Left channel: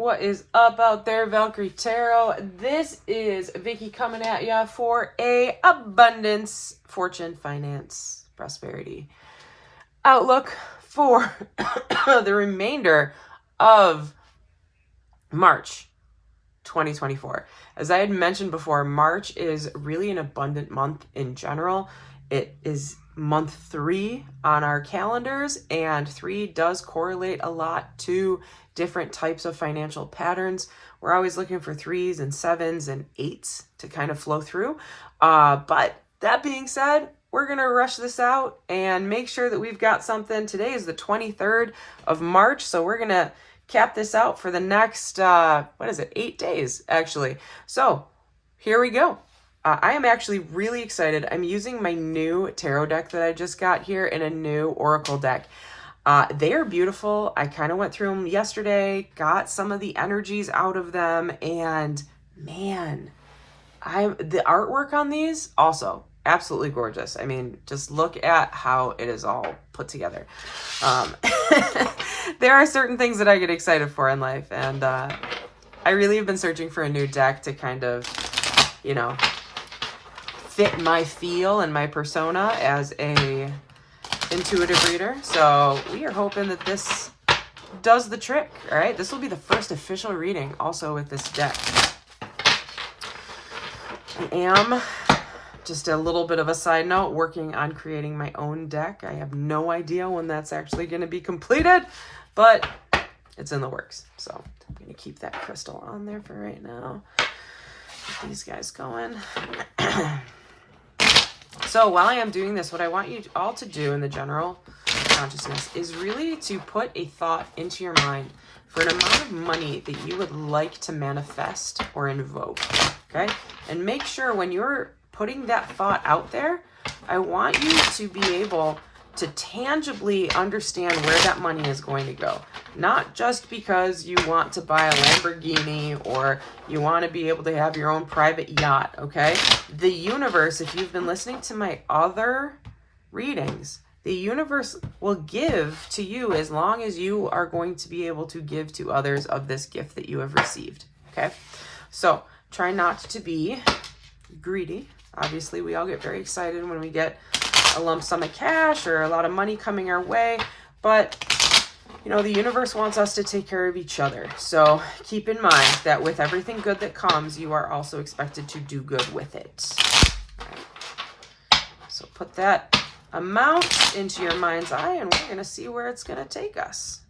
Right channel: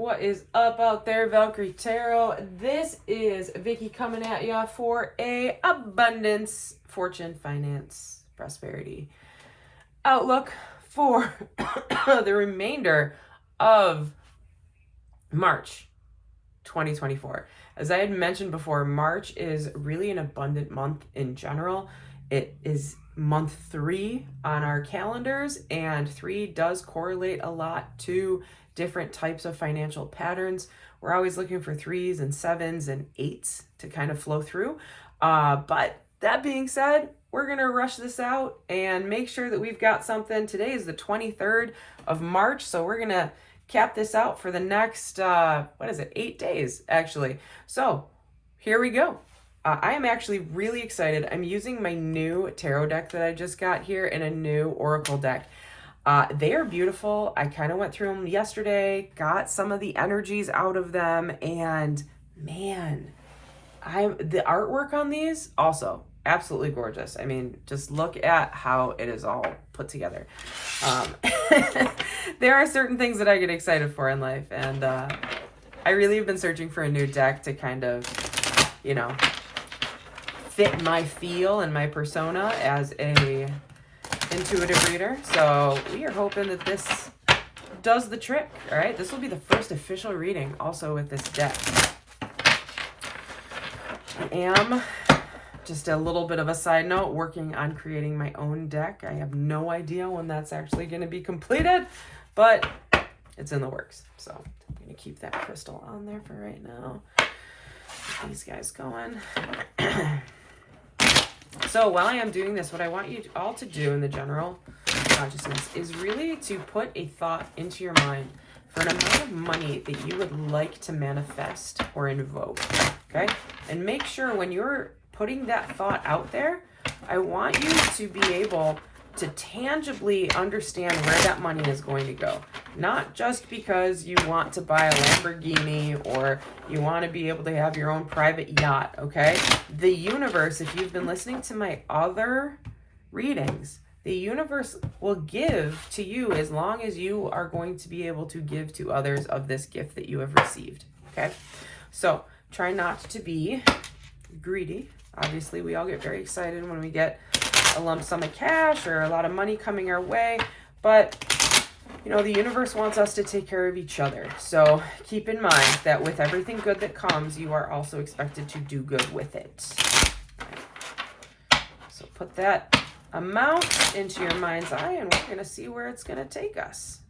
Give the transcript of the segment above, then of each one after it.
What is up out there, Valkyrie Tarot? This is Vicky coming at you for a abundance, fortune, finance, prosperity outlook for the remainder of March 2024. As I had mentioned before, March is really an abundant month in general. It is month 3 on our calendars, and 3 does correlate a lot to different types of financial patterns. We're always looking for 3s and 7s and 8s to kind of flow through. But that being said, we're going to rush this out and make sure that we've got something. Today is the 23rd of March, so we're going to cap this out for the next, 8 days, actually. So here we go. I am actually really excited. I'm using my new tarot deck that I just got here in a new Oracle deck. They are beautiful. I kind of went through them yesterday, got some of the energies out of them, and man, the artwork on these also absolutely gorgeous. I mean, just look at how it is all put together. There are certain things that I get excited for in life, and I really have been searching for a new deck to kind of, fit my feel and my persona as a intuitive reader. So we are hoping that this does the trick. All right, this will be the first official reading also with this deck. I am, just a little bit of a side note, working on creating my own deck. I have no idea when that's actually going to be completed, but it's in the works. So I'm going to keep that crystal on there for right now. Get these guys going. So while I am doing this, what I want you all to do in the general consciousness is really to put a thought into your mind for an amount of money that you would like to manifest or invoke, okay? And make sure when you're putting that thought out there, I want you to be able to tangibly understand where that money is going to go. Not just because you want to buy a Lamborghini or you want to be able to have your own private yacht, okay? The universe, if you've been listening to my other readings, the universe will give to you as long as you are going to be able to give to others of this gift that you have received, okay? So try not to be greedy. Obviously, we all get very excited when we get a lump sum of cash or a lot of money coming our way, but the universe wants us to take care of each other. So keep in mind that with everything good that comes, you are also expected to do good with it. Right. So put that amount into your mind's eye, and we're going to see where it's going to take us.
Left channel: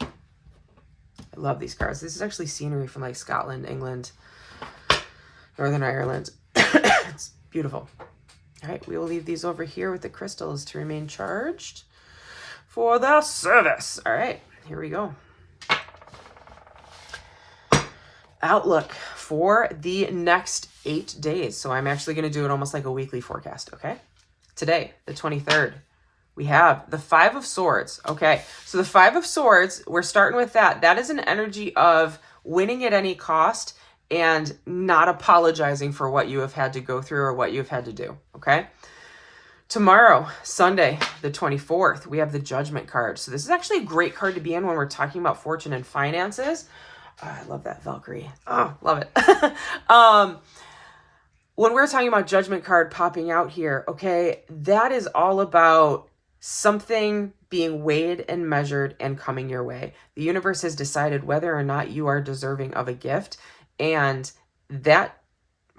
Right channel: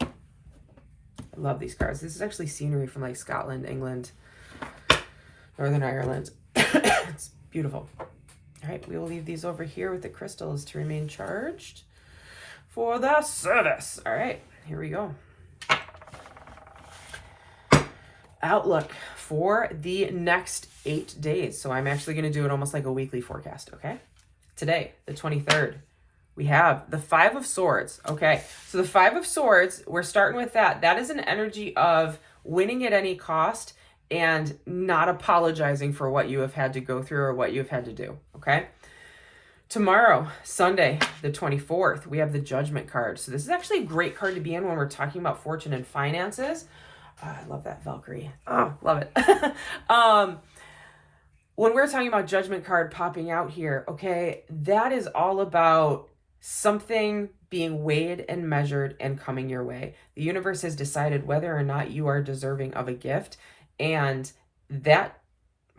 I love these cards. This is actually scenery from like Scotland, England, Northern Ireland. It's beautiful. All right, we will leave these over here with the crystals to remain charged for the service. All right, here we go. Outlook for the next 8 days. So I'm actually going to do it almost like a weekly forecast, okay? Today, the 23rd, we have the 5 of Swords, okay? So the 5 of Swords, we're starting with that. That is an energy of winning at any cost and not apologizing for what you have had to go through or what you've had to do, okay? Tomorrow, Sunday, the 24th, we have the Judgment card. So this is actually a great card to be in when we're talking about fortune and finances. Oh, I love that Valkyrie. Oh, love it. When we're talking about Judgment card popping out here, okay, that is all about something being weighed and measured and coming your way. The universe has decided whether or not you are deserving of a gift, and that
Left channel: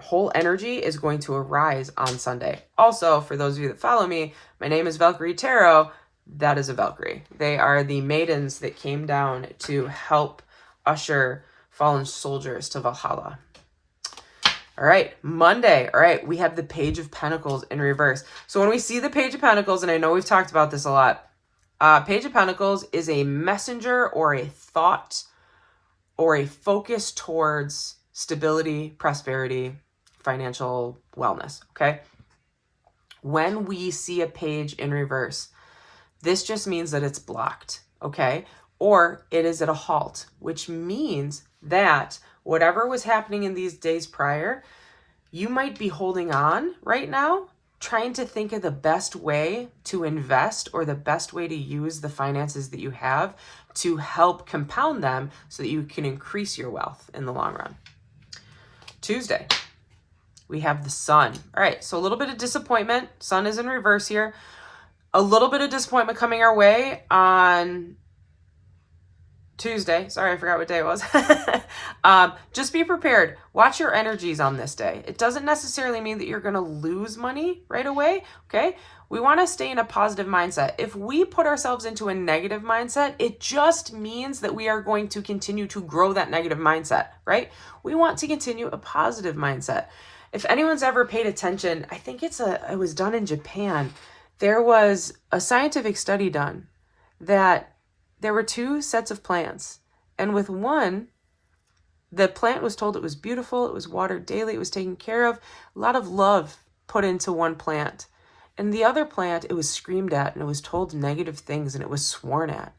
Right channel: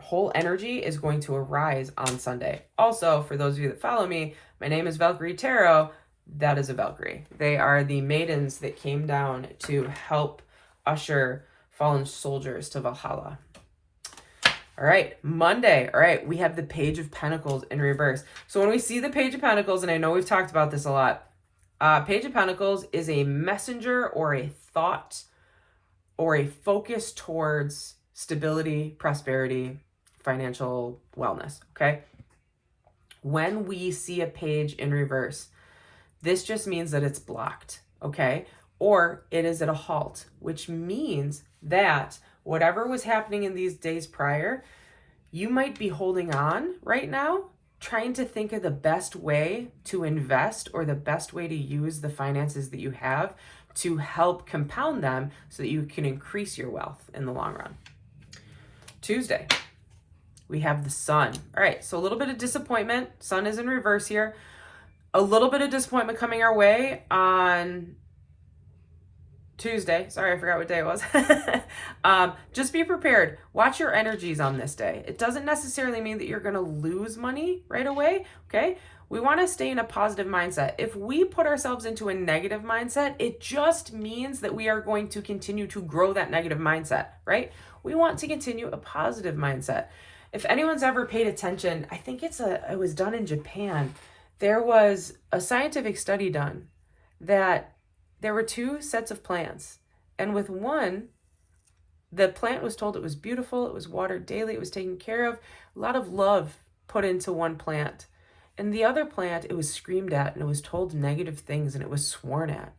whole energy is going to arise on Sunday. Also, for those of you that follow me, my name is Valkyrie Tarot. That is a Valkyrie. They are the maidens that came down to help usher fallen soldiers to Valhalla. All right, Monday. All right, we have the Page of Pentacles in reverse. So when we see the Page of Pentacles, and I know we've talked about this a lot, Page of Pentacles is a messenger or a thought or a focus towards stability, prosperity, financial wellness, okay? When we see a page in reverse, this just means that it's blocked, okay? Or it is at a halt, which means that whatever was happening in these days prior, you might be holding on right now, trying to think of the best way to invest or the best way to use the finances that you have to help compound them so that you can increase your wealth in the long run. Tuesday, we have the sun. All right, so a little bit of disappointment. Sun is in reverse here. A little bit of disappointment coming our way on Tuesday. Sorry, I forgot what day it was. Just be prepared. Watch your energies on this day. It doesn't necessarily mean that you're going to lose money right away, okay? We want to stay in a positive mindset. If we put ourselves into a negative mindset, it just means that we are going to continue to grow that negative mindset, right? We want to continue a positive mindset. If anyone's ever paid attention, I think it was done in Japan. There was a scientific study done that there were two sets of plants. And with one, the plant was told it was beautiful, it was watered daily, it was taken care of, a lot of love put into one plant. And the other plant, it was screamed at and it was told negative things and it was sworn at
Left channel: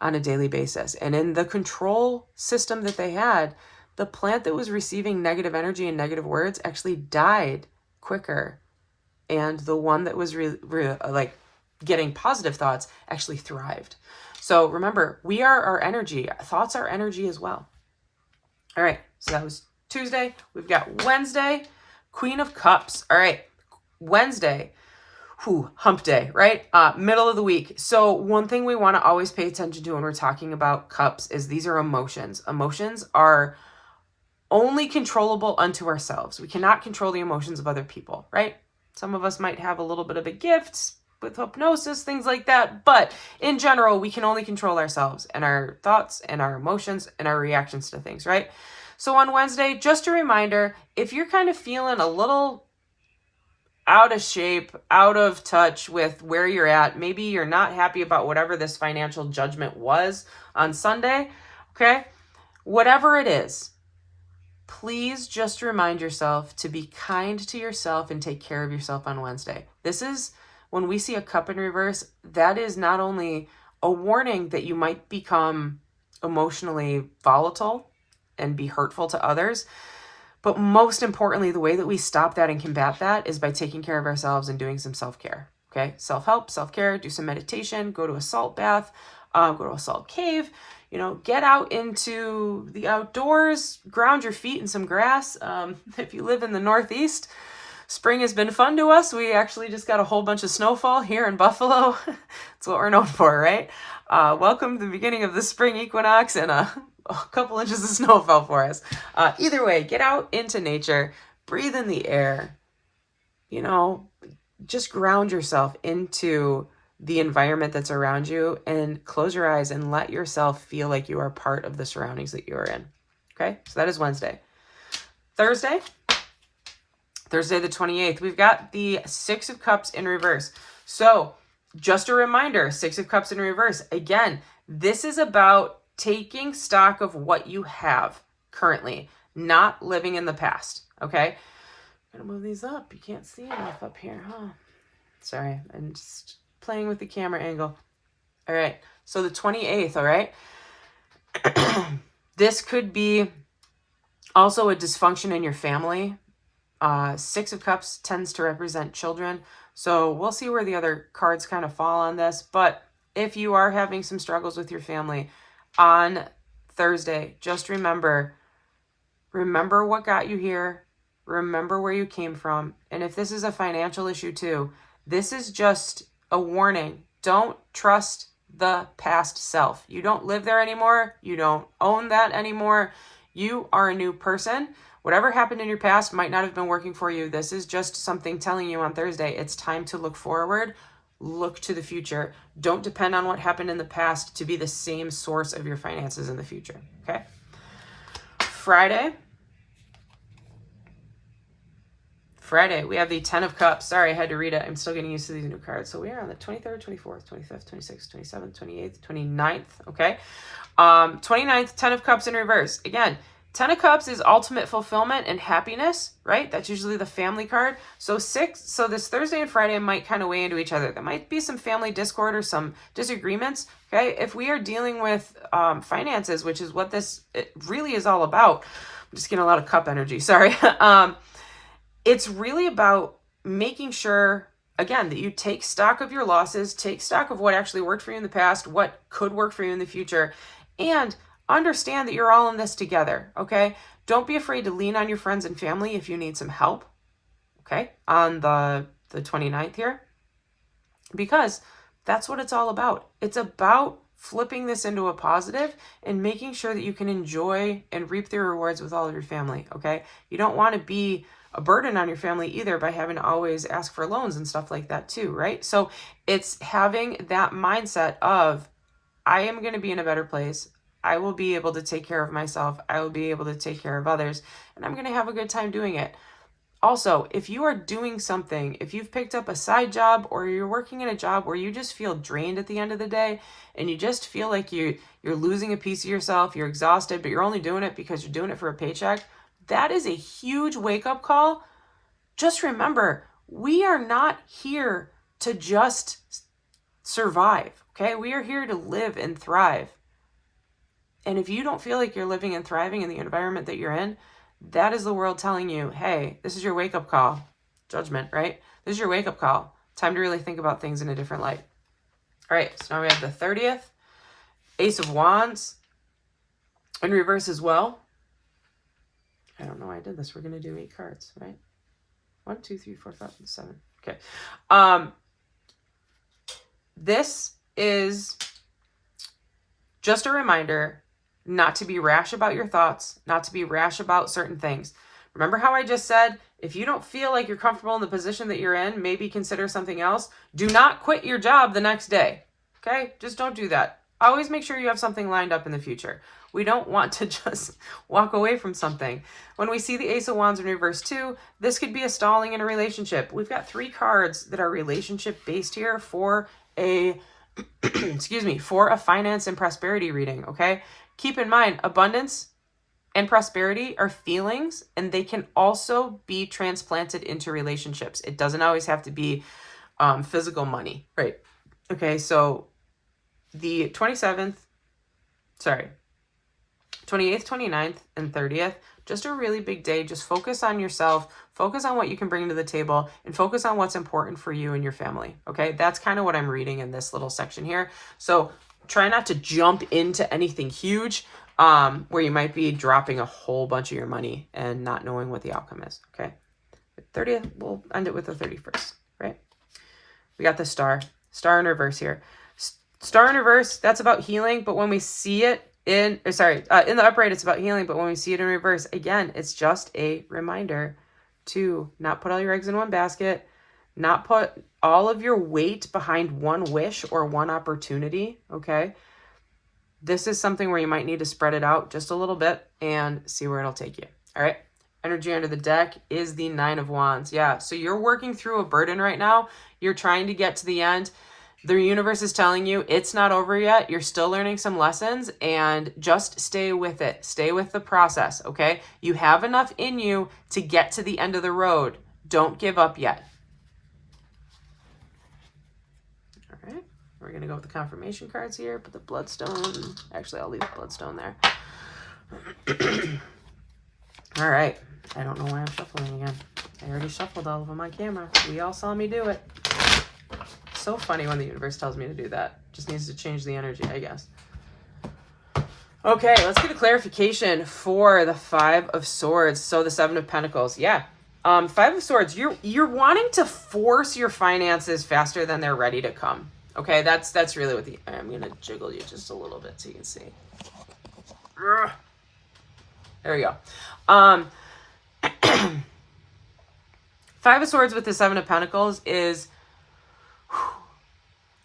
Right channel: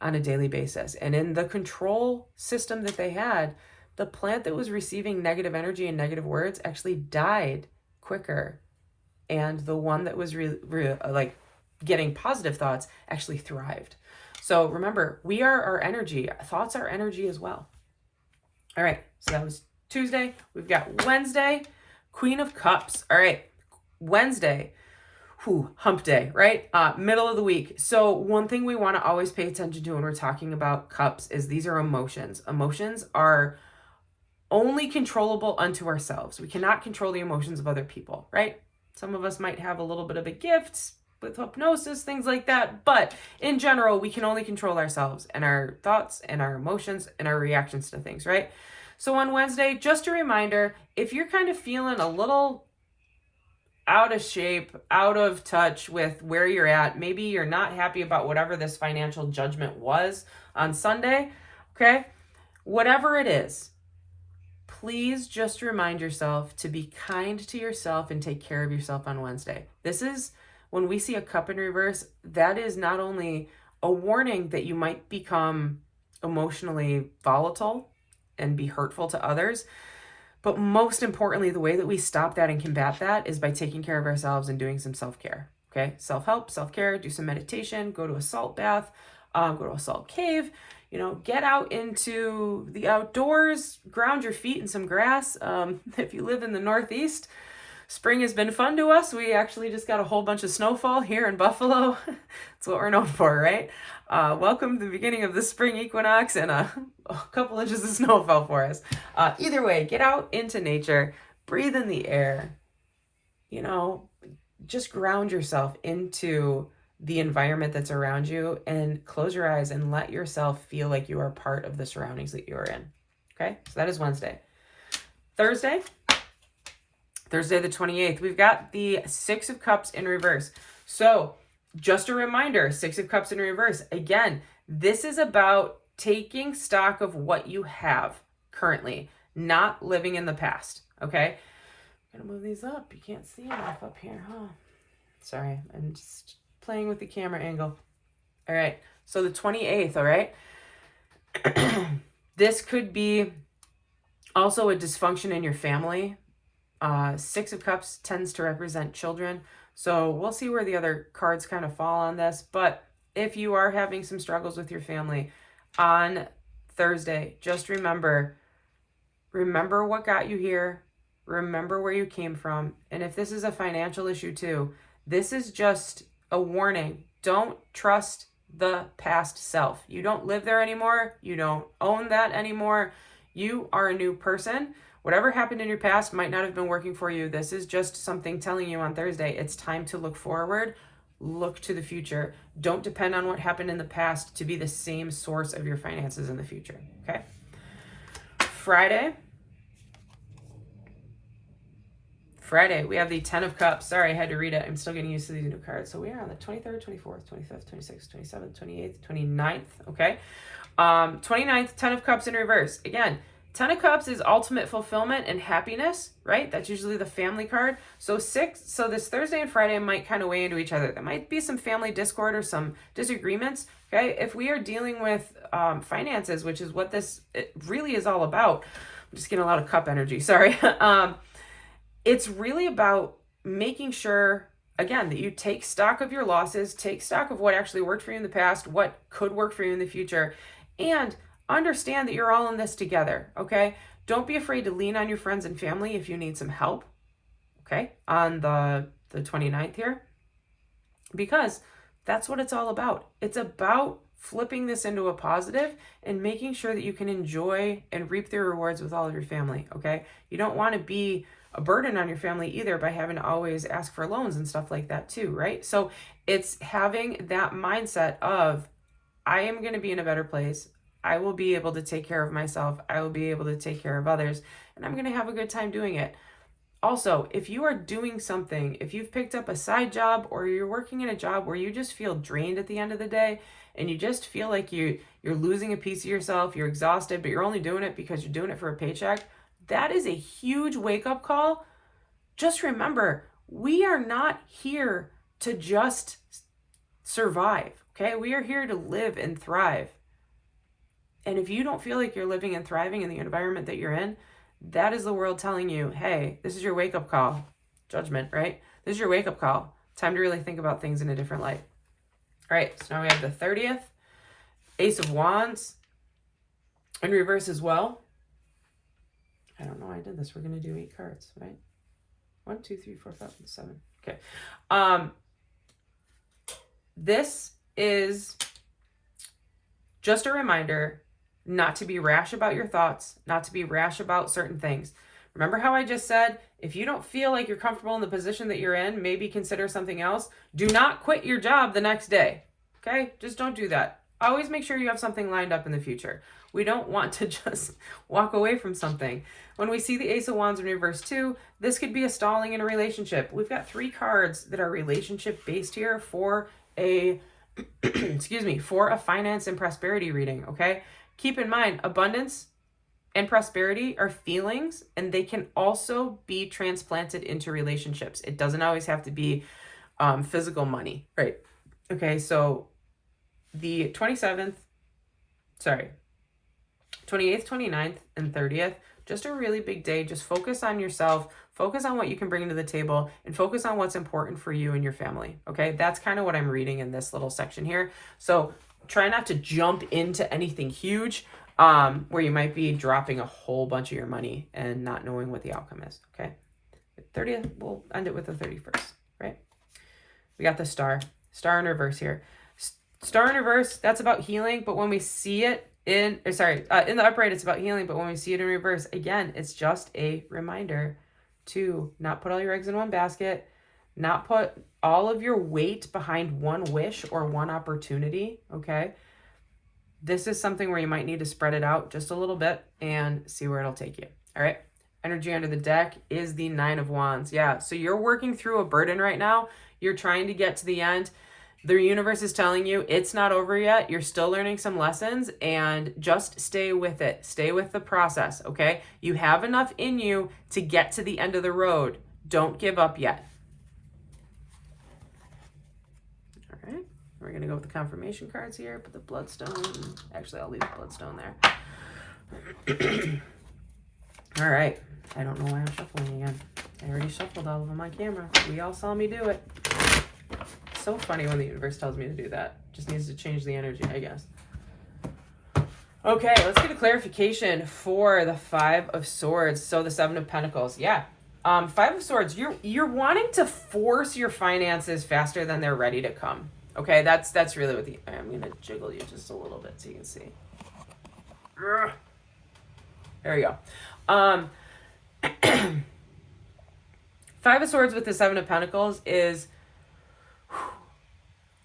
on a daily basis. And in the control system that they had, the plant that was receiving negative energy and negative words actually died quicker. And the one that was like getting positive thoughts actually thrived. So remember, we are our energy. Thoughts are energy as well. All right, so that was Tuesday. We've got Wednesday, Queen of Cups. All right, Wednesday, hump day, right? Middle of the week. So one thing we want to always pay attention to when we're talking about cups is these are emotions. Emotions are only controllable unto ourselves. We cannot control the emotions of other people, right? Some of us might have a little bit of a gift with hypnosis, things like that. But in general, we can only control ourselves and our thoughts and our emotions and our reactions to things, right? So on Wednesday, just a reminder, if you're kind of feeling a little out of shape, out of touch with where you're at, maybe you're not happy about whatever this financial judgment was on Sunday, okay? Whatever it is, please just remind yourself to be kind to yourself and take care of yourself on Wednesday. This is when we see a cup in reverse, that is not only a warning that you might become emotionally volatile and be hurtful to others, but most importantly, the way that we stop that and combat that is by taking care of ourselves and doing some self-care, okay? Self-help, self-care, do some meditation, go to a salt bath, go to a salt cave, get out into the outdoors, ground your feet in some grass. If you live in the Northeast, spring has been fun to us. We actually just got a whole bunch of snowfall here in Buffalo. That's what we're known for, right? Welcome to the beginning of the spring equinox and a couple inches of snowfall for us. Either way, get out into nature, breathe in the air, just ground yourself into the environment that's around you and close your eyes and let yourself feel like you are part of the surroundings that you are in. Okay, so that is Wednesday. Thursday the 28th, we've got the Six of Cups in reverse. So just a reminder, Six of Cups in reverse. Again, this is about taking stock of what you have currently, not living in the past, okay? I'm gonna move these up. You can't see enough up here, huh? Sorry, I'm just playing with the camera angle. All right, so the 28th, all right? This could be also a dysfunction in your family. Six of Cups tends to represent children. So we'll see where the other cards kind of fall on this. But if you are having some struggles with your family on Thursday, just remember what got you here. Remember where you came from. And if this is a financial issue too, this is just a warning. Don't trust the past self. You don't live there anymore. You don't own that anymore. You are a new person. Whatever happened in your past might not have been working for you. This is just something telling you on Thursday, it's time to look forward, look to the future. Don't depend on what happened in the past to be the same source of your finances in the future, okay? Friday, we have the 10 of Cups. Sorry, I had to read it. I'm still getting used to these new cards. So we are on the 23rd, 24th, 25th, 26th, 27th, 28th, 29th, okay? 29th, 10 of Cups in reverse. Again, 10 of Cups is ultimate fulfillment and happiness, right? That's usually the family card. So this Thursday and Friday might kind of weigh into each other. There might be some family discord or some disagreements, okay? If we are dealing with finances, which is what it really is all about. I'm just getting a lot of cup energy, sorry. It's really about making sure again, that you take stock of your losses, take stock of what actually worked for you in the past, what could work for you in the future, and understand that you're all in this together, okay? Don't be afraid to lean on your friends and family if you need some help, okay, on the 29th here, because that's what it's all about. It's about flipping this into a positive and making sure that you can enjoy and reap the rewards with all of your family, okay? You don't want to be a burden on your family either by having to always ask for loans and stuff like that too, right? So it's having that mindset of, I am going to be in a better place. I will be able to take care of myself. I will be able to take care of others, and I'm going to have a good time doing it. Also, if you are doing something, if you've picked up a side job or you're working in a job where you just feel drained at the end of the day and you just feel like you're losing a piece of yourself, you're exhausted, but you're only doing it because you're doing it for a paycheck, that is a huge wake-up call. Just remember, we are not here to just survive, okay? We are here to live and thrive. And if you don't feel like you're living and thriving in the environment that you're in, that is the world telling you, hey, this is your wake-up call. Judgment, right? This is your wake-up call. Time to really think about things in a different light. All right, so now we have the 30th. Ace of Wands in reverse as well. I don't know why I did this. We're going to do 8 cards, right? 1, 2, 3, 4, 5, 7. Okay. This is just a reminder not to be rash about your thoughts, not to be rash about certain things. Remember how I just said, if you don't feel like you're comfortable in the position that you're in, maybe consider something else. Do not quit your job the next day, okay? Just don't do that. Always make sure you have something lined up in the future. We don't want to just walk away from something. When we see the Ace of Wands in reverse too, this could be a stalling in a relationship. We've got 3 cards that are relationship based here for a, excuse me, for a finance and prosperity reading, okay? Keep in mind, abundance and prosperity are feelings, and they can also be transplanted into relationships. It doesn't always have to be physical money, right? Okay, so the 28th, 29th, and 30th, just a really big day. Just focus on yourself, focus on what you can bring to the table, and focus on what's important for you and your family, okay? That's kind of what I'm reading in this little section here. So try not to jump into anything huge where you might be dropping a whole bunch of your money and not knowing what the outcome is, okay? 30th, we'll end it with the 31st, right? We got the star in reverse here. Star in reverse, that's about healing, but when we see it in the upright, it's about healing, but when we see it in reverse, again, it's just a reminder to not put all your eggs in one basket, not put all of your weight behind one wish or one opportunity, okay? This is something where you might need to spread it out just a little bit and see where it'll take you, all right? Energy under the deck is the 9 of Wands. Yeah, so you're working through a burden right now. You're trying to get to the end. The universe is telling you it's not over yet. You're still learning some lessons, and just stay with it. Stay with the process, okay? You have enough in you to get to the end of the road. Don't give up yet. All right, we're going to go with the confirmation cards here. Put the bloodstone. Actually, I'll leave the bloodstone there. All right. I don't know why I'm shuffling again. I already shuffled all of them on camera. We all saw me do it. So funny when the universe tells me to do that. Just needs to change the energy, I guess. Okay, let's get a clarification for the 5 of Swords. So the 7 of Pentacles. Yeah. 5 of Swords, you're wanting to force your finances faster than they're ready to come. Okay, that's really what I'm going to jiggle you just a little bit so you can see. There we go. 5 of Swords with the 7 of Pentacles is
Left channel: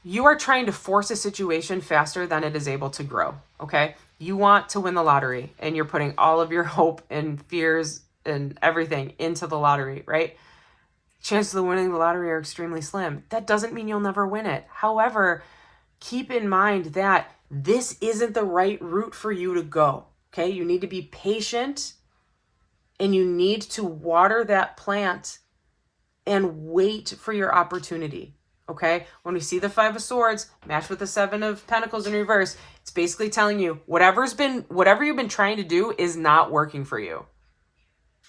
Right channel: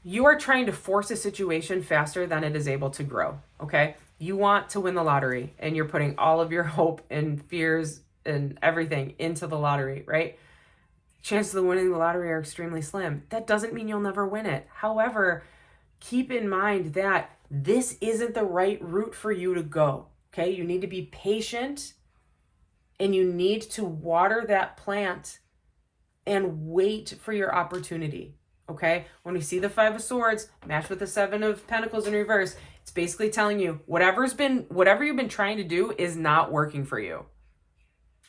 you are trying to force a situation faster than it is able to grow, okay? You want to win the lottery, and you're putting all of your hope and fears and everything into the lottery, right? Chances of winning the lottery are extremely slim. That doesn't mean you'll never win it. However, keep in mind that this isn't the right route for you to go, okay? You need to be patient, and you need to water that plant and wait for your opportunity, okay? When we see the 5 of Swords matched with the 7 of Pentacles in reverse, it's basically telling you whatever you've been trying to do is not working for you.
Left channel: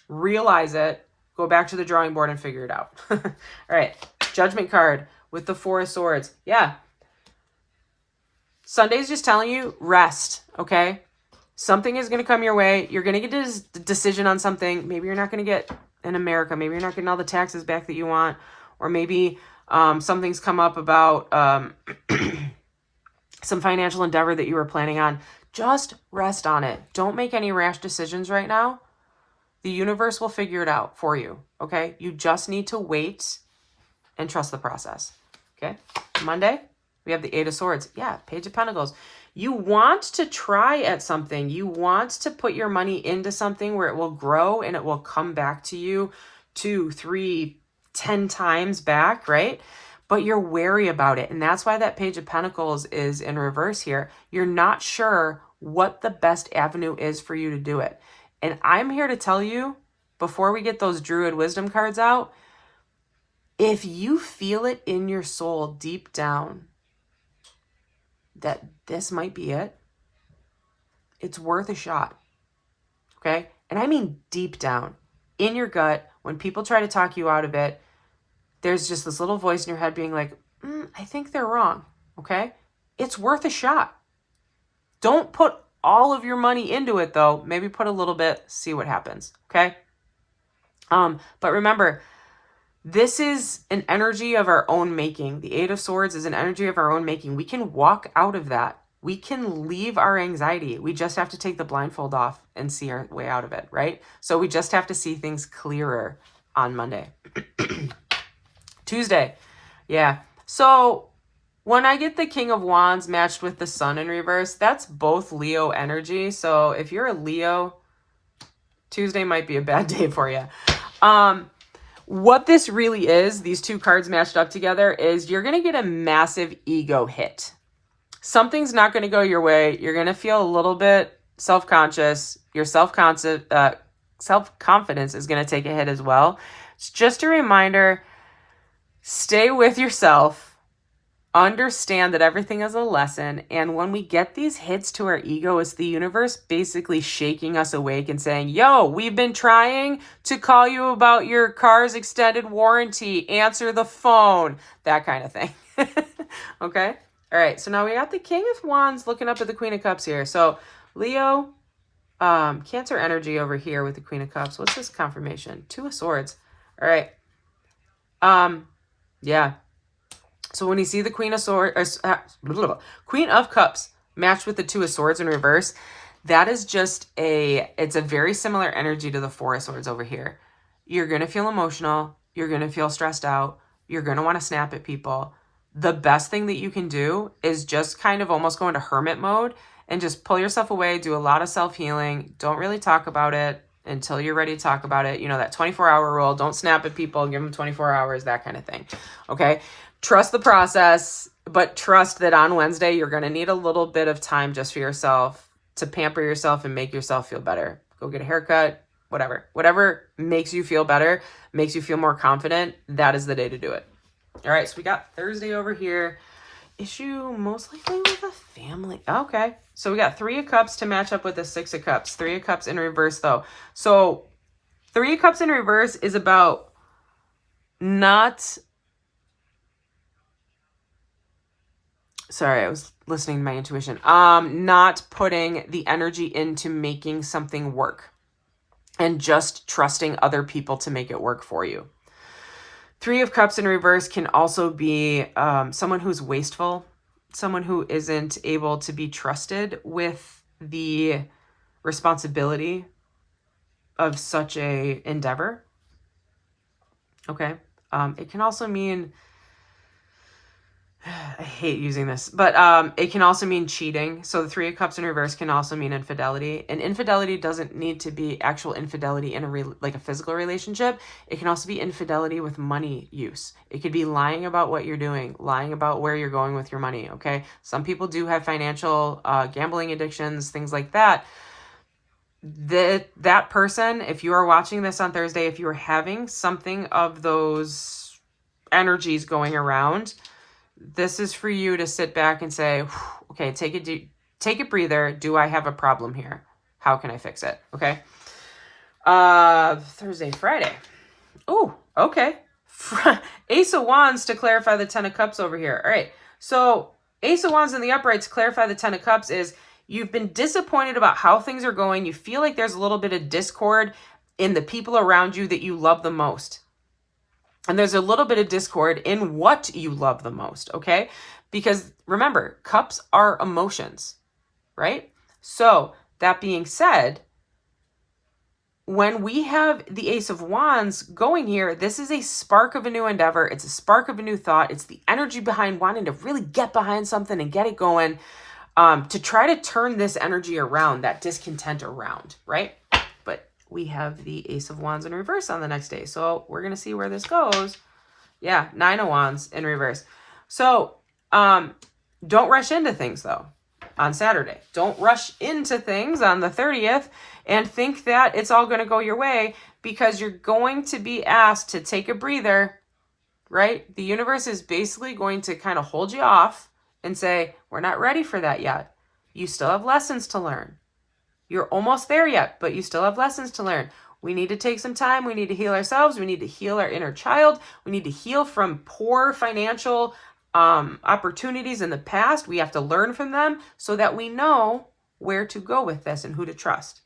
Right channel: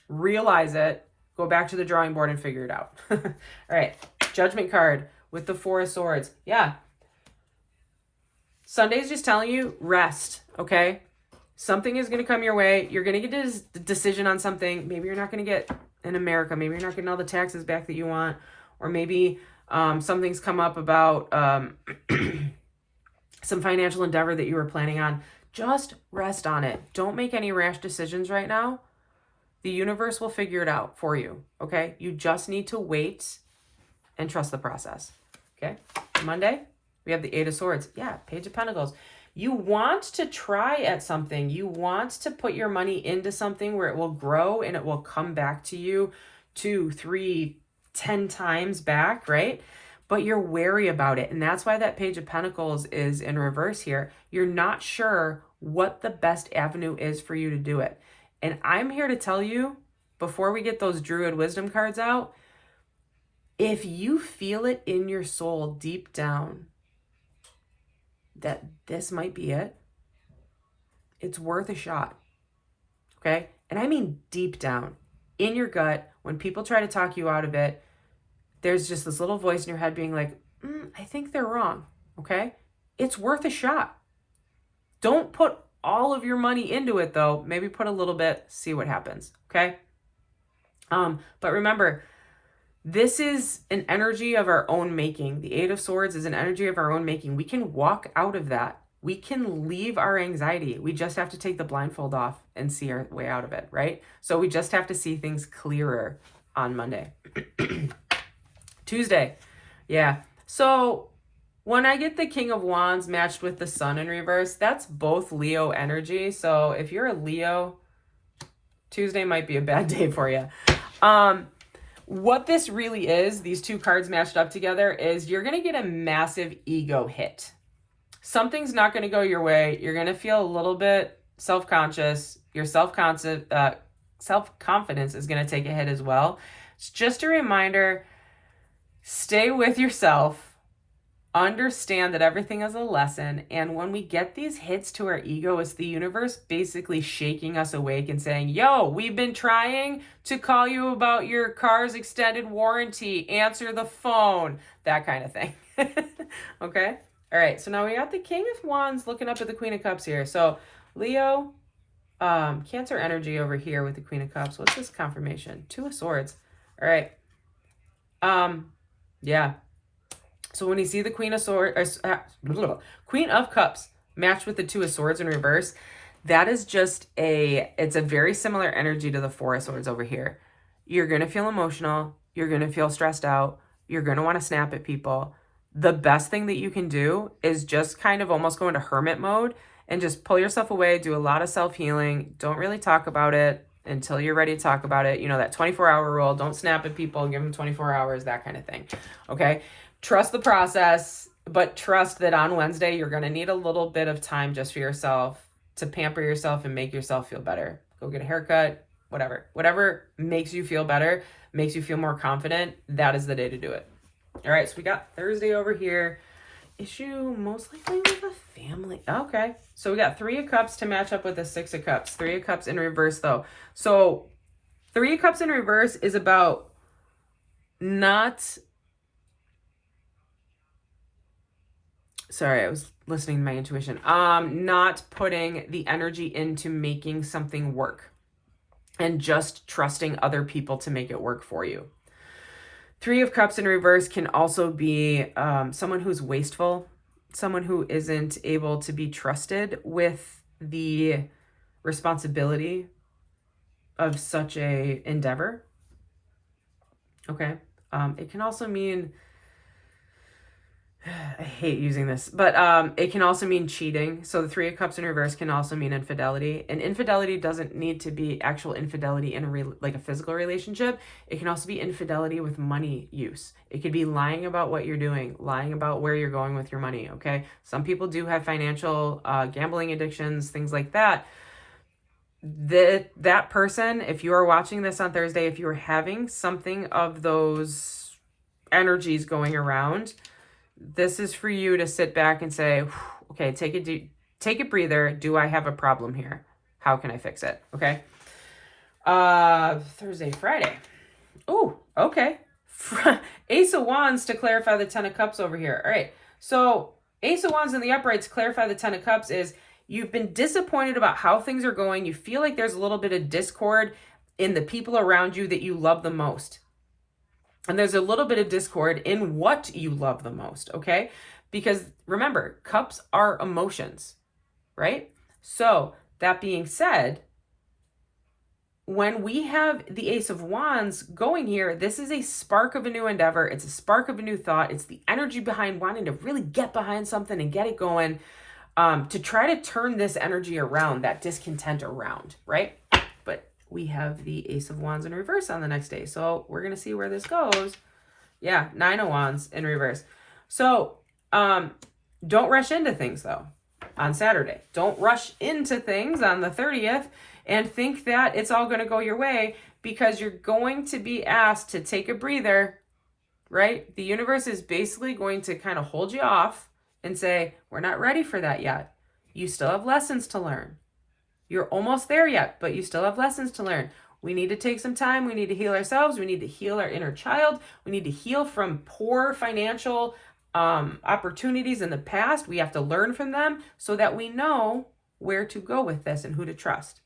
Realize it, go back to the drawing board and figure it out. All right, Judgment card with the Four of Swords. Yeah. Sunday's just telling you, rest, okay? Something is going to come your way. You're going to get a decision on something. Maybe you're not going to get in America. Maybe you're not getting all the taxes back that you want. Or maybe something's come up about some financial endeavor that you were planning on. Just rest on it. Don't make any rash decisions right now. The universe will figure it out for you, okay? You just need to wait and trust the process, okay? Monday, we have the Eight of Swords. Yeah, Page of Pentacles. You want to try at something. You want to put your money into something where it will grow and it will come back to you 2, 3, 10 times back, right? But you're wary about it. And that's why that Page of Pentacles is in reverse here. You're not sure what the best avenue is for you to do it. And I'm here to tell you, before we get those Druid Wisdom cards out, if you feel it in your soul deep down that this might be it, it's worth a shot, okay? And I mean deep down, in your gut, when people try to talk you out of it, there's just this little voice in your head being like, I think they're wrong, okay? It's worth a shot. Don't put all of your money into it, though. Maybe put a little bit, see what happens, okay? But remember, this is an energy of our own making. The Eight of Swords is an energy of our own making. We can walk out of that. We can leave our anxiety. We just have to take the blindfold off and see our way out of it, right? So we just have to see things clearer on Monday. Tuesday, yeah. So when I get the King of Wands matched with the Sun in reverse, that's both Leo energy. So if you're a Leo, Tuesday might be a bad day for you. What this really is, these two cards matched up together, is you're going to get a massive ego hit. Something's not going to go your way. You're going to feel a little bit self-conscious. Your self-confidence is going to take a hit as well. It's just a reminder, stay with yourself. Understand that everything is a lesson. And when we get these hits to our ego, it's the universe basically shaking us awake and saying, yo, we've been trying to call you about your car's extended warranty. Answer the phone. That kind of thing. Okay? All right. So now we got the King of Wands looking up at the Queen of Cups here. So Leo, Cancer energy over here with the Queen of Cups. What's this confirmation? Two of Swords. All right. Yeah. So when you see the Queen of Cups matched with the Two of Swords in reverse, that is just it's a very similar energy to the Four of Swords over here. You're going to feel emotional. You're going to feel stressed out. You're going to want to snap at people. The best thing that you can do is just kind of almost go into hermit mode and just pull yourself away, do a lot of self-healing. Don't really talk about it until you're ready to talk about it. You know, that 24-hour rule. Don't snap at people. Give them 24 hours, that kind of thing. Okay? Trust the process, but trust that on Wednesday, you're going to need a little bit of time just for yourself to pamper yourself and make yourself feel better. Go get a haircut, whatever. Whatever makes you feel better, makes you feel more confident, that is the day to do it. All right, so we got Thursday over here. Issue most likely with a family. Okay, so we got Three of Cups to match up with the Six of Cups. Three of Cups in reverse, though. So Three of Cups in reverse is about not... Sorry, I was listening to my intuition. Not putting the energy into making something work and just trusting other people to make it work for you. Three of Cups in reverse can also be someone who's wasteful, someone who isn't able to be trusted with the responsibility of such a endeavor. Okay. It can also mean... I hate using this, but it can also mean cheating. So the Three of Cups in reverse can also mean infidelity. And infidelity doesn't need to be actual infidelity in like a physical relationship. It can also be infidelity with money use. It could be lying about what you're doing, lying about where you're going with your money, okay? Some people do have financial gambling addictions, things like that. That person, if you are watching this on Thursday, if you are having something of those energies going around, this is for you to sit back and say, okay, take a breather. Do I have a problem here? How can I fix it? Okay. Thursday, Friday. Oh, okay. Ace of Wands to clarify the Ten of Cups over here. All right. So Ace of Wands in the upright to clarify the Ten of Cups is you've been disappointed about how things are going. You feel like there's a little bit of discord in the people around you that you love the most. And there's a little bit of discord in what you love the most, okay? Because remember, cups are emotions, right? So that being said, when we have the Ace of Wands going here, this is a spark of a new endeavor. It's a spark of a new thought. It's the energy behind wanting to really get behind something and get it going, to try to turn this energy around, that discontent around, right? But we have the Ace of Wands in reverse on the next day. So we're going to see where this goes. Yeah, Nine of Wands in reverse. So don't rush into things, though, on Saturday. Don't rush into things on the 30th and think that it's all going to go your way, because you're going to be asked to take a breather, right? The universe is basically going to kind of hold you off and say, we're not ready for that yet. You still have lessons to learn. You're almost there yet, but you still have lessons to learn. We need to take some time. We need to heal ourselves. We need to heal our inner child. We need to heal from poor financial opportunities in the past. We have to learn from them so that we know where to go with this and who to trust.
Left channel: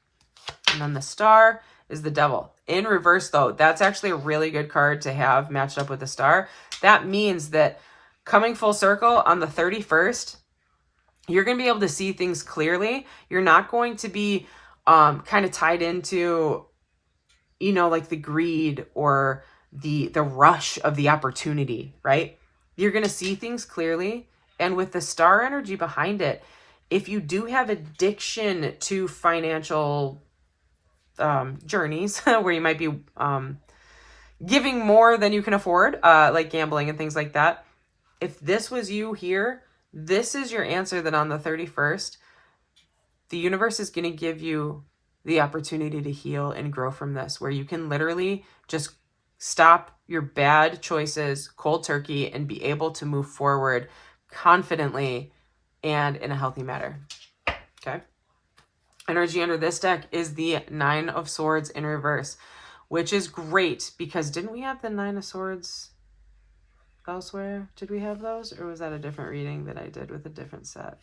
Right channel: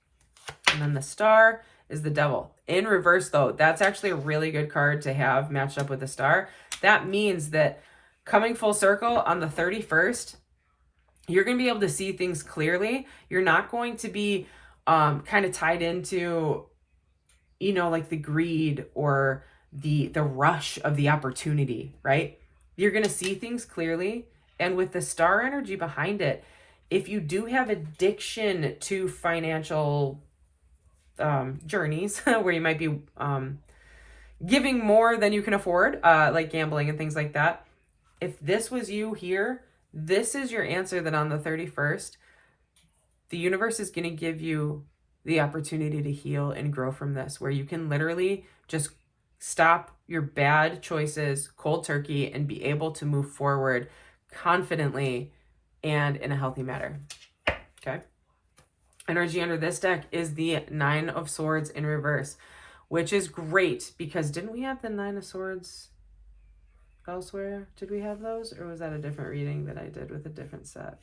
And then the Star is the Devil. In reverse, though, that's actually a really good card to have matched up with the Star. That means that coming full circle on the 31st, you're going to be able to see things clearly. You're not going to be kind of tied into, you know, like the greed or the rush of the opportunity, right? You're going to see things clearly. And with the Star energy behind it, if you do have addiction to financial journeys where you might be giving more than you can afford, like gambling and things like that, if this was you here, this is your answer. That on the 31st, the universe is going to give you the opportunity to heal and grow from this, where you can literally just stop your bad choices cold turkey and be able to move forward confidently and in a healthy manner. Okay. Energy under this deck is the Nine of Swords in reverse, which is great because didn't we have the Nine of Swords elsewhere? Did we have those? Or was that a different reading that I did with a different set?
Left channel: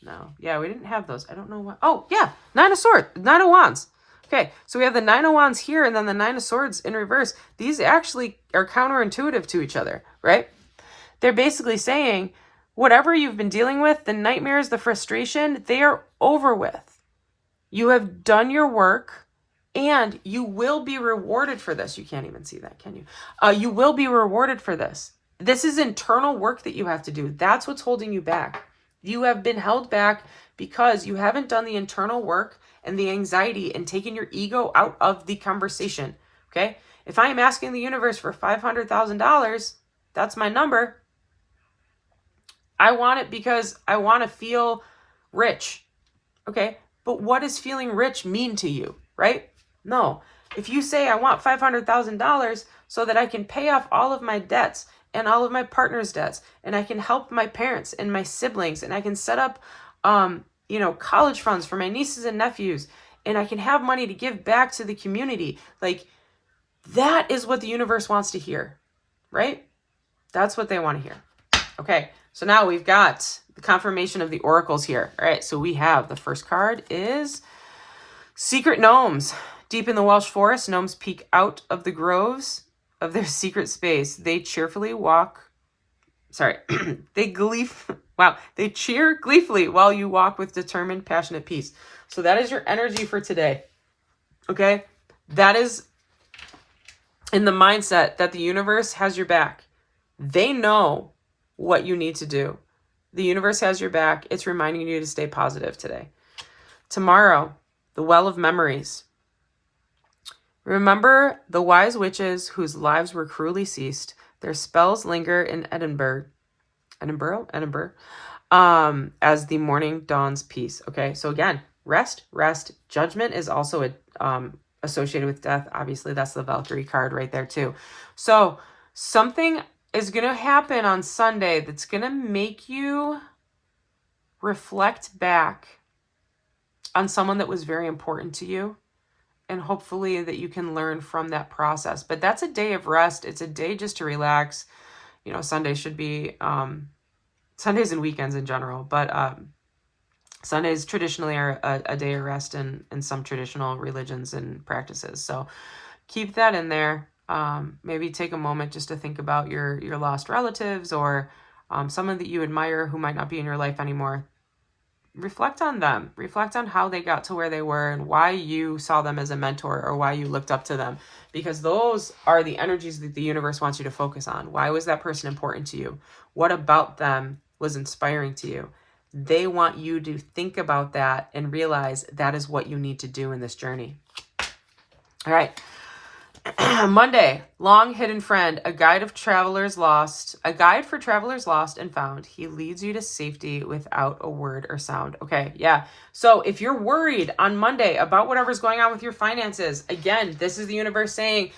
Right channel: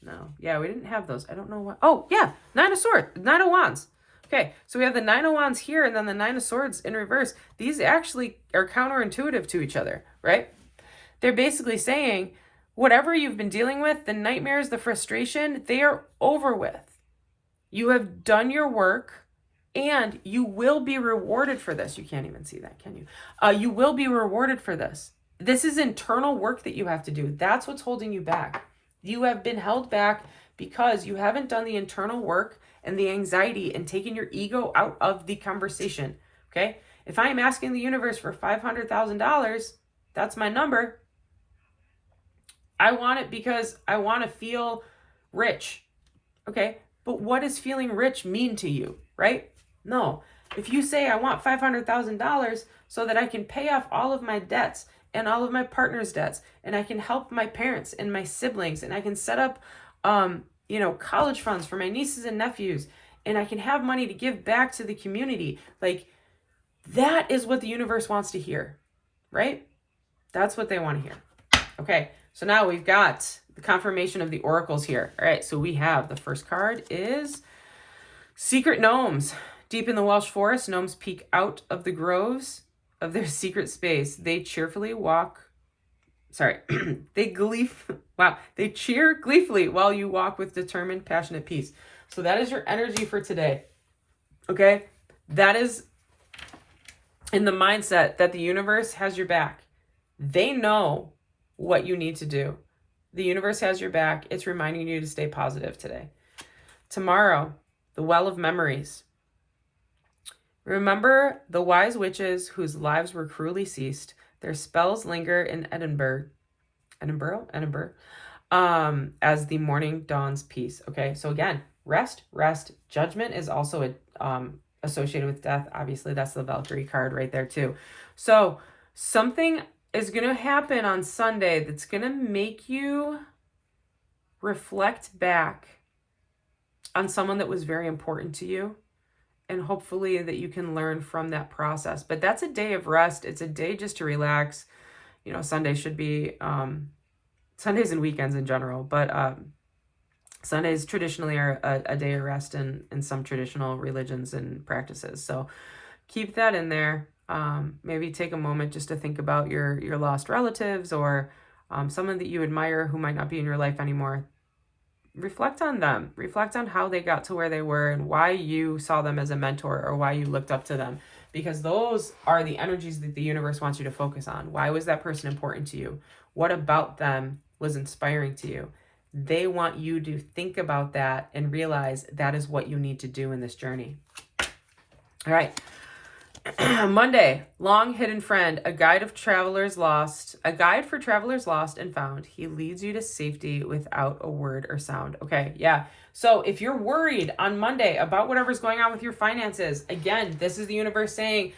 No. Yeah, we didn't have those. I don't know what. Oh, yeah. Nine of Swords. Nine of Wands. Okay, so we have the Nine of Wands here and then the Nine of Swords in reverse. These actually are counterintuitive to each other, right? They're basically saying whatever you've been dealing with, the nightmares, the frustration, they are over with. You have done your work and you will be rewarded for this. You can't even see that, can you? You will be rewarded for this. This is internal work that you have to do. That's what's holding you back. You have been held back because you haven't done the internal work and the anxiety and taken your ego out of the conversation, okay? If I am asking the universe for $500,000, that's my number. I want it because I want to feel rich, okay? But what does feeling rich mean to you, right? No. If you say I want $500,000 so that I can pay off all of my debts and all of my partner's debts, and I can help my parents and my siblings, and I can set up, college funds for my nieces and nephews, and I can have money to give back to the community. Like, that is what the universe wants to hear, right? That's what they want to hear. Okay, so now we've got the confirmation of the oracles here. All right, so we have the first card is Secret Gnomes. Deep in the Welsh forest, gnomes peek out of the groves of their secret space. They cheerfully walk. Sorry, they cheer gleefully while you walk with determined, passionate peace. So that is your energy for today. Okay, that is in the mindset that the universe has your back. They know what you need to do. The universe has your back. It's reminding you to stay positive today. Tomorrow, the Well of Memories. Remember the wise witches whose lives were cruelly seized. Their spells linger in Edinburgh, as the morning dawns peace. Okay, so again, rest. Judgment is also associated with death. Obviously, that's the Valkyrie card right there too. So something is going to happen on Sunday that's going to make you reflect back on someone that was very important to you and hopefully that you can learn from that process. But that's a day of rest. It's a day just to relax. You know, Sunday should be, Sundays and weekends in general, but Sundays traditionally are a day of rest in some traditional religions and practices. So keep that in there. Maybe take a moment just to think about your lost relatives or someone that you admire who might not be in your life anymore. Reflect on them. Reflect on how they got to where they were and why you saw them as a mentor or why you looked up to them. Because those are the energies that the universe wants you to focus on. Why was that person important to you? What about them was inspiring to you? They want you to think about that and realize that is what you need to do in this journey. All right. Monday, long hidden friend, a guide for travelers lost and found. He leads you to safety without a word or sound. Okay, yeah. So if you're worried on Monday about whatever's going on with your finances, again, this is the universe saying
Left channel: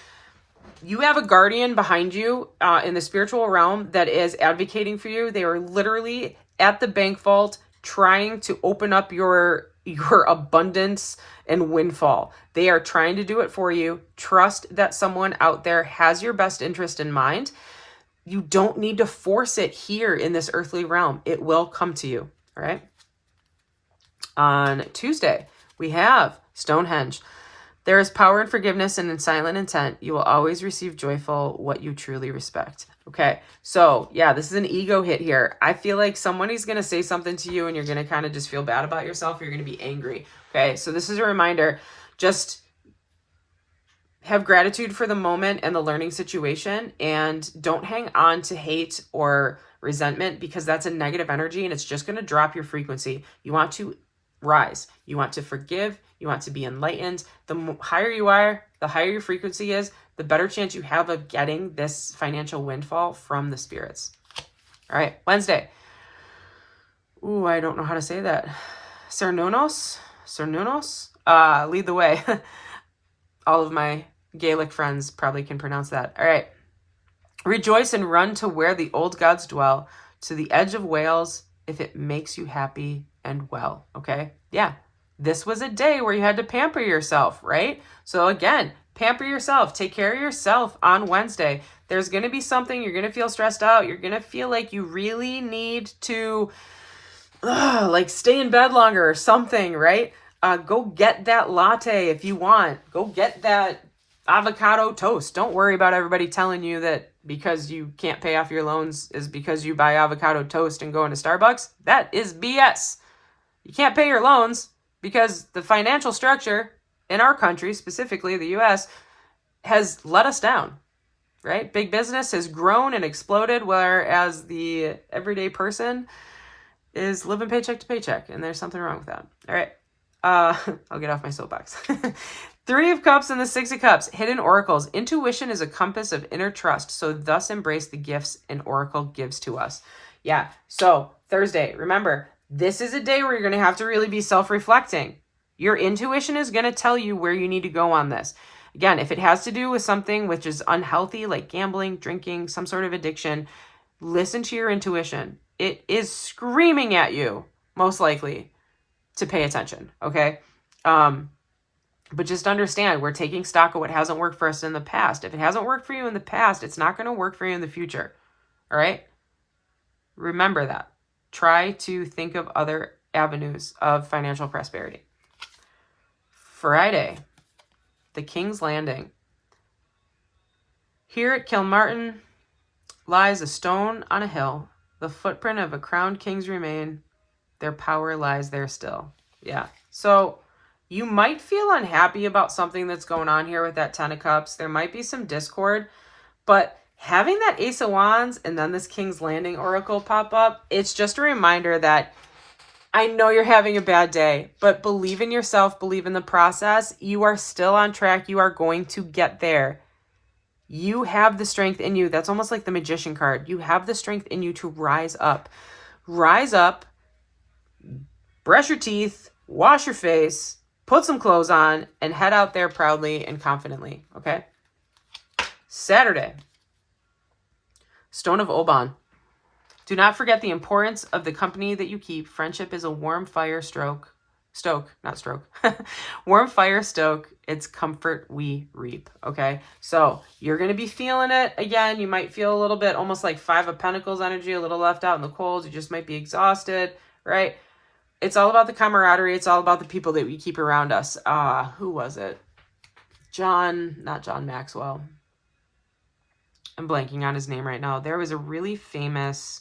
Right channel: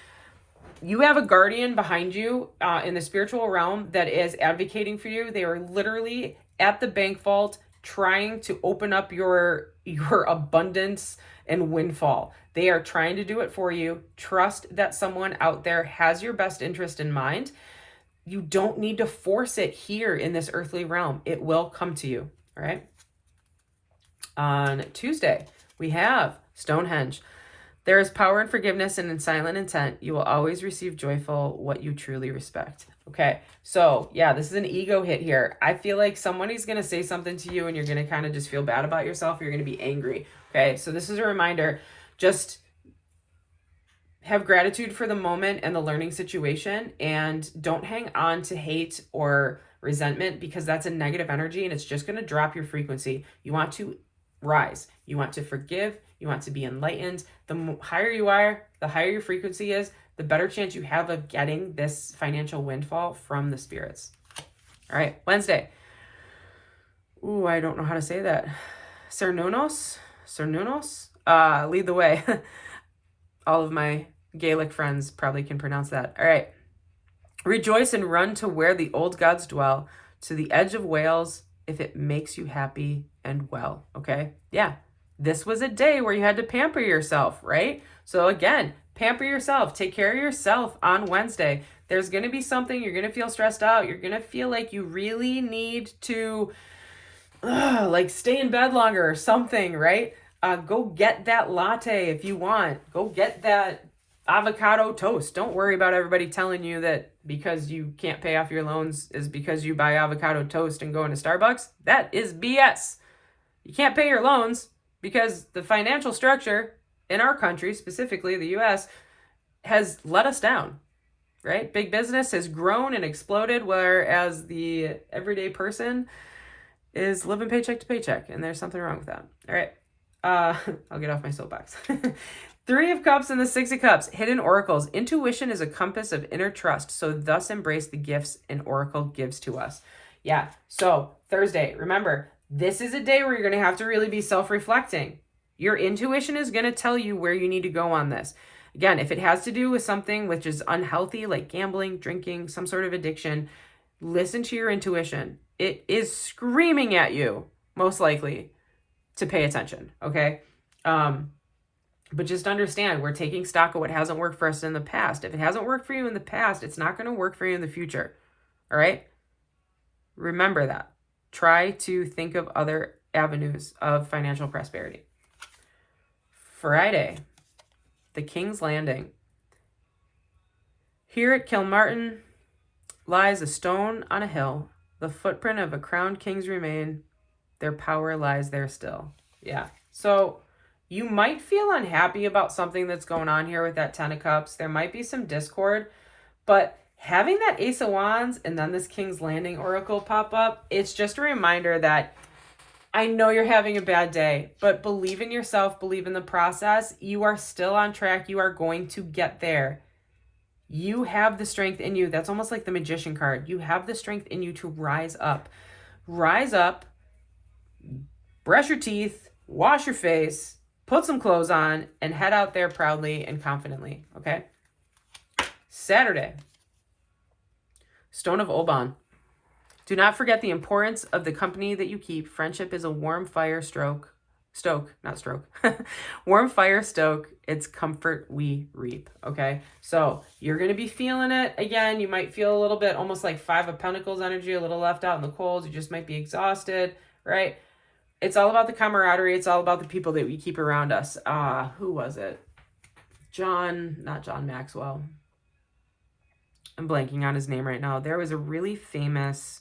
you have a guardian behind you in the spiritual realm that is advocating for you. They are literally at the bank vault trying to open up your abundance and windfall. They are trying to do it for you. Trust that someone out there has your best interest in mind. You don't need to force it here in this earthly realm. It will come to you, all right? On Tuesday, we have Stonehenge. There is power in forgiveness and in silent intent. You will always receive joyful what you truly respect. Okay, so yeah, this is an ego hit here. I feel like somebody's going to say something to you and you're going to kind of just feel bad about yourself. You're going to be angry. Okay, so this is a reminder. Just have gratitude for the moment and the learning situation, and don't hang on to hate or resentment because that's a negative energy and it's just going to drop your frequency. You want to rise. You want to forgive. You want to be enlightened. The higher you are, the higher your frequency is, the better chance you have of getting this financial windfall from the spirits. All right, Wednesday. Ooh, I don't know how to say that. Cernunos, lead the way. All of my Gaelic friends probably can pronounce that. All right. Rejoice and run to where the old gods dwell, to the edge of Wales, if it makes you happy and well. Okay? Yeah. This was a day where you had to pamper yourself, right? So again, pamper yourself. Take care of yourself on Wednesday. There's going to be something. You're going to feel stressed out. You're going to feel like you really need to like stay in bed longer or something, right? Go get that latte if you want. Go get that avocado toast. Don't worry about everybody telling you that because you can't pay off your loans is because you buy avocado toast and go into Starbucks. That is BS. You can't pay your loans because the financial structure in our country, specifically the US, has let us down, right? Big business has grown and exploded, whereas the everyday person is living paycheck to paycheck, and there's something wrong with that. All right. I'll get off my soapbox. 3 of Cups and the 6 of Cups, hidden oracles. Intuition is a compass of inner trust, so thus embrace the gifts an oracle gives to us. Yeah, so Thursday, remember, this is a day where you're going to have to really be self-reflecting. Your intuition is going to tell you where you need to go on this. Again, if it has to do with something which is unhealthy, like gambling, drinking, some sort of addiction, listen to your intuition. It is screaming at you, most likely, to pay attention, okay? But just understand, we're taking stock of what hasn't worked for us in the past. If it hasn't worked for you in the past, it's not going to work for you in the future, all right? Remember that. Try to think of other avenues of financial prosperity. Friday, the King's Landing. Here at Kilmartin lies a stone on a hill. The footprint of a crowned king's remain. Their power lies there still. Yeah. So you might feel unhappy about something that's going on here with that 10 of Cups. There might be some discord, but having that Ace of Wands and then this King's Landing Oracle pop up, it's just a reminder that I know you're having a bad day, but believe in yourself, believe in the process. You are still on track. You are going to get there. You have the strength in you. That's almost like the Magician card. You have the strength in you to rise up. Rise up, brush your teeth, wash your face, put some clothes on, and head out there proudly and confidently, okay? Saturday, Stone of Oban. Do not forget the importance of the company that you keep. Friendship is a warm fire stroke. stoke, not stroke. Warm fire stoke, it's comfort we reap, okay? So you're going to be feeling it. Again, you might feel a little bit almost like Five of Pentacles energy, a little left out in the cold. You just might be exhausted, right? It's all about the camaraderie. It's all about the people that we keep around us. Who was it? Not John Maxwell. I'm blanking on his name right now. There was a really famous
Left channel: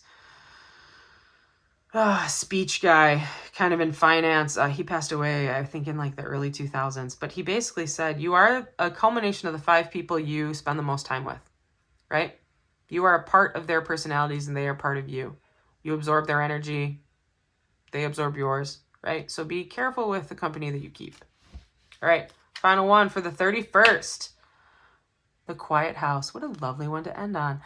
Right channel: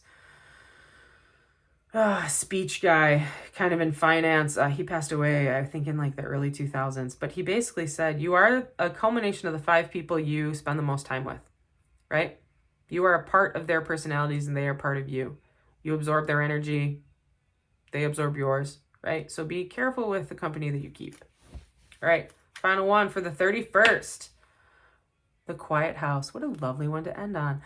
speech guy kind of in finance. He passed away, I think, in like the early 2000s. But he basically said, you are a culmination of the 5 people you spend the most time with, right? You are a part of their personalities and they are part of you. You absorb their energy. They absorb yours, right? So be careful with the company that you keep. All right, final one for the 31st. The Quiet House. What a lovely one to end on.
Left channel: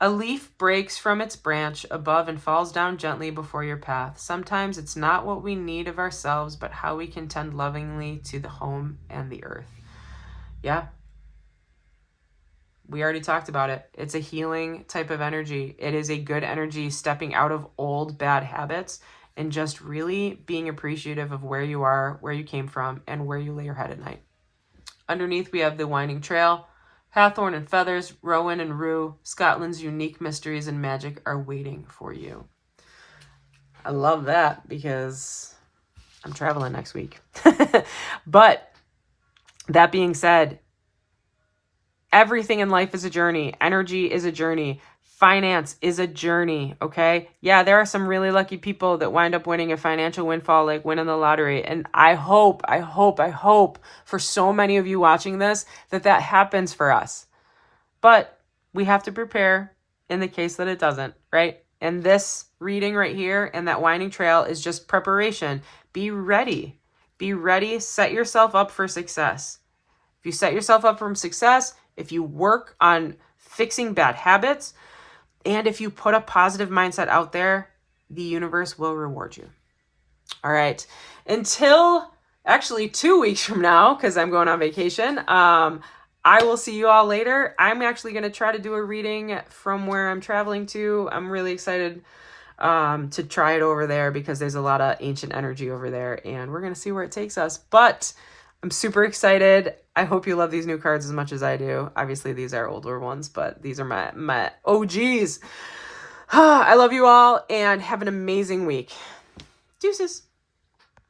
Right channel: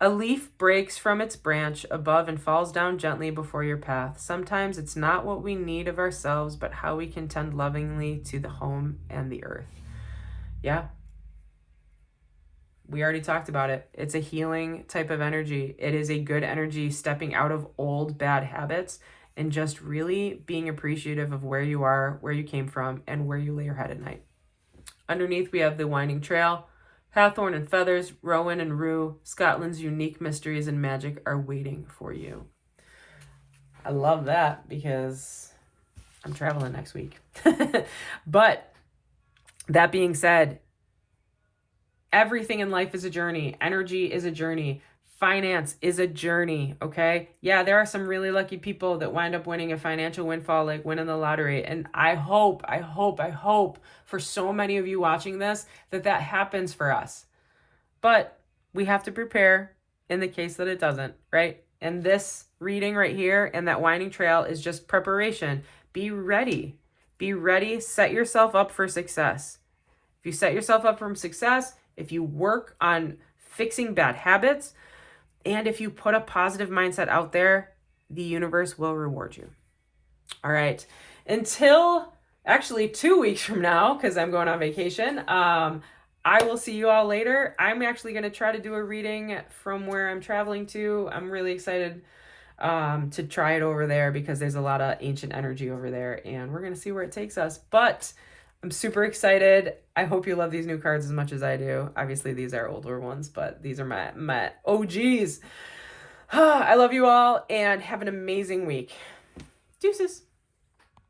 A leaf breaks from its branch above and falls down gently before your path. Sometimes it's not what we need of ourselves, but how we can tend lovingly to the home and the earth. Yeah. We already talked about it. It's a healing type of energy. It is a good energy stepping out of old bad habits and just really being appreciative of where you are, where you came from, and where you lay your head at night. Underneath, we have the winding trail. Hathorn and feathers, Rowan and rue, Scotland's unique mysteries and magic are waiting for you. I love that because I'm traveling next week. But that being said, everything in life is a journey. Energy is a journey. Finance is a journey, okay? Yeah, there are some really lucky people that wind up winning a financial windfall, like winning the lottery. And I hope for so many of you watching this that happens for us. But we have to prepare in the case that it doesn't, right? And this reading right here and that winding trail is just preparation. Be ready. Be ready. Set yourself up for success. If you set yourself up for success, if you work on fixing bad habits, and if you put a positive mindset out there, the universe will reward you. All right. Until actually 2 weeks from now, because I'm going on vacation, I will see you all later. I'm actually going to try to do a reading from where I'm traveling to. I'm really excited to try it over there because there's a lot of ancient energy over there, and we're going to see where it takes us. But I'm super excited. I hope you love these new cards as much as I do. Obviously, these are older ones, but these are my OGs. I love you all, and have an amazing week. Deuces.